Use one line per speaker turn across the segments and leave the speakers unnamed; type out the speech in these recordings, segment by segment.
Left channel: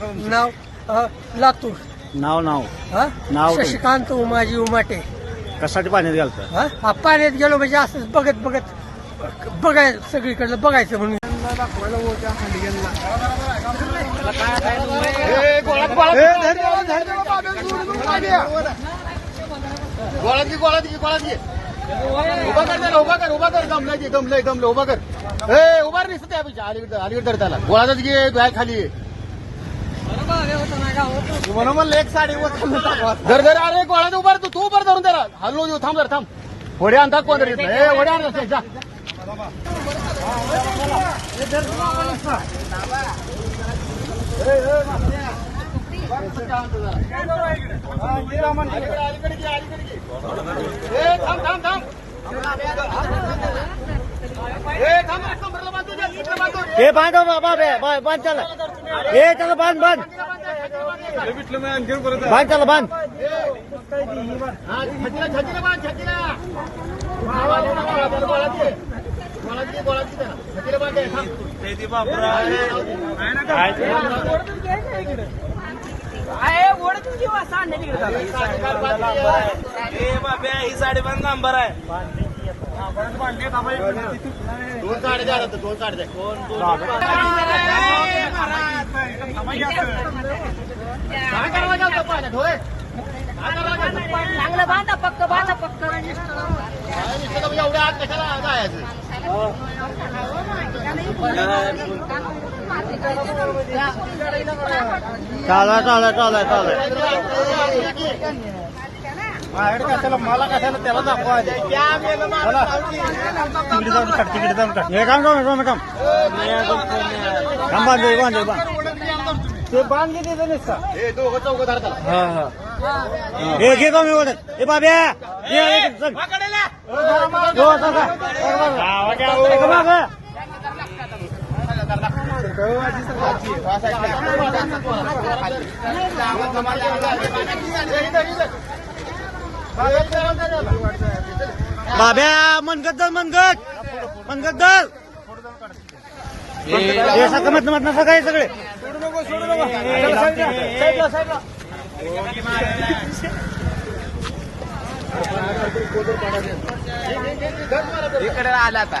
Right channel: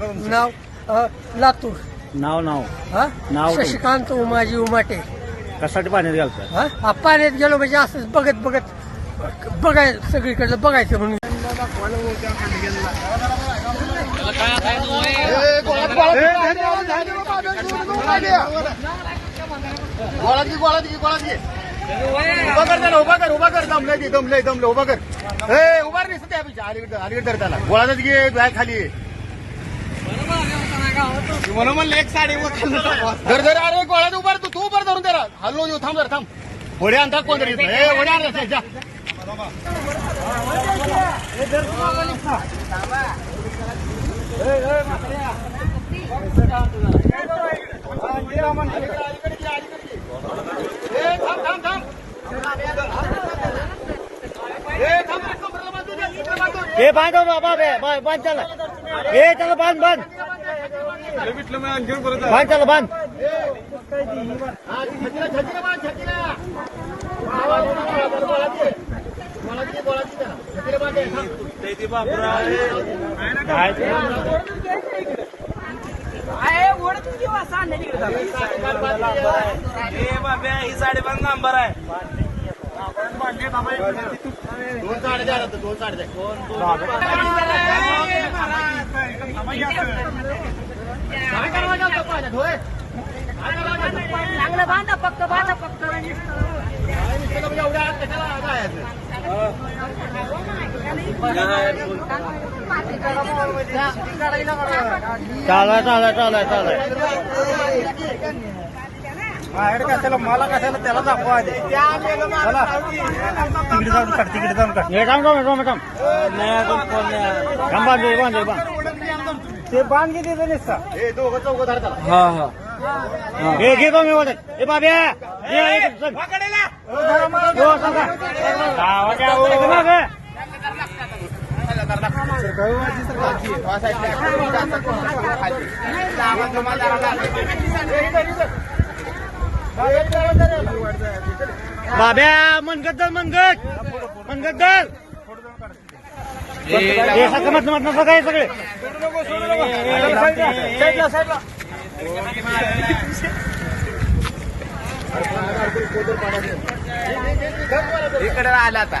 नाव अ, लातूर
नाव नाव
हा
नाव तुम-
शशिकांत उमाजी उमाटे
कशासाठी पाण्यात घालतं
हा हा, पाण्यात गेलो म्हणजे असंच बघत बघत बघाय सगळीकडलं बघायचं म्हणून
गोळात घे गोळात घे गोळात घे उभा कर त्याला उभा कर उभा कर दमलंय ते, दमलंय दमलं उभा कर हे उभा रे त्या अलीकडे अलीकडे कर त्याला गोळातच घे बाय खाली म्हणून एक साडी धर धर अरे गोळात उभा तू तू उभा धरून त्याला हलवू देऊ थांब जरा, थांब होडे आणतात कोण तरी हे होडे आण जा थांब थांब थांब थांब
हे बाँध बाबा बाँध त्याला हे त्याला बाँध बाँध बाँध त्याला बाँध
हा, छत्रीला बाँध, छत्रीला. आवाज़ येऊ नका, दोन साडे द्या आता, दोन साडे लागतं?
चांगलं बांधा पक्क बांधा पक्क
एवढ्या आत कशाला जायचं?
चाला चाला चाला चाला
कशाला मला कशाला त्याला दाखवा
हे काम काम काम काम काम बाँध दे, बाँध दे, बाँध
ते बाँध घेते हे दोघं चौघं धर त्याला
हे घे कमी वाटत हे बाब्या ये, ये, चल. हो, चल का. चल मागं. बाब्या मनगत धर मनगत मनगत धर हे सगळं मधनं मधनं सगळे सगळे.
इकडे आला आता.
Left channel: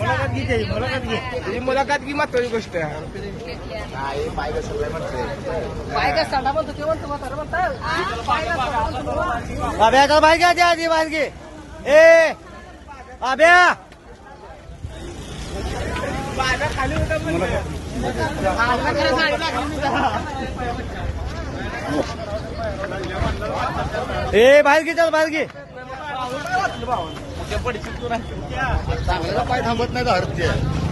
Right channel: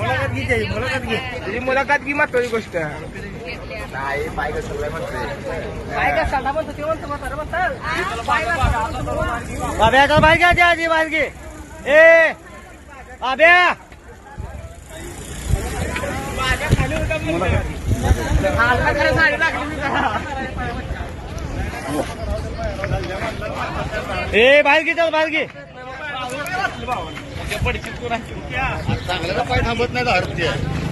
तुझी म्हणजे
मुलाखत की महत्वाची गोष्ट?
आहे बायका सगळ्या म्हणतोय. बायका सगळा म्हणतो ते म्हणतो म्हातारा
अभ्या का बायका त्या आधी बालगी ए अभ्या. ए बाहेर घे चल बाहेर घे.
चांगलं काय थांबत नाही धरते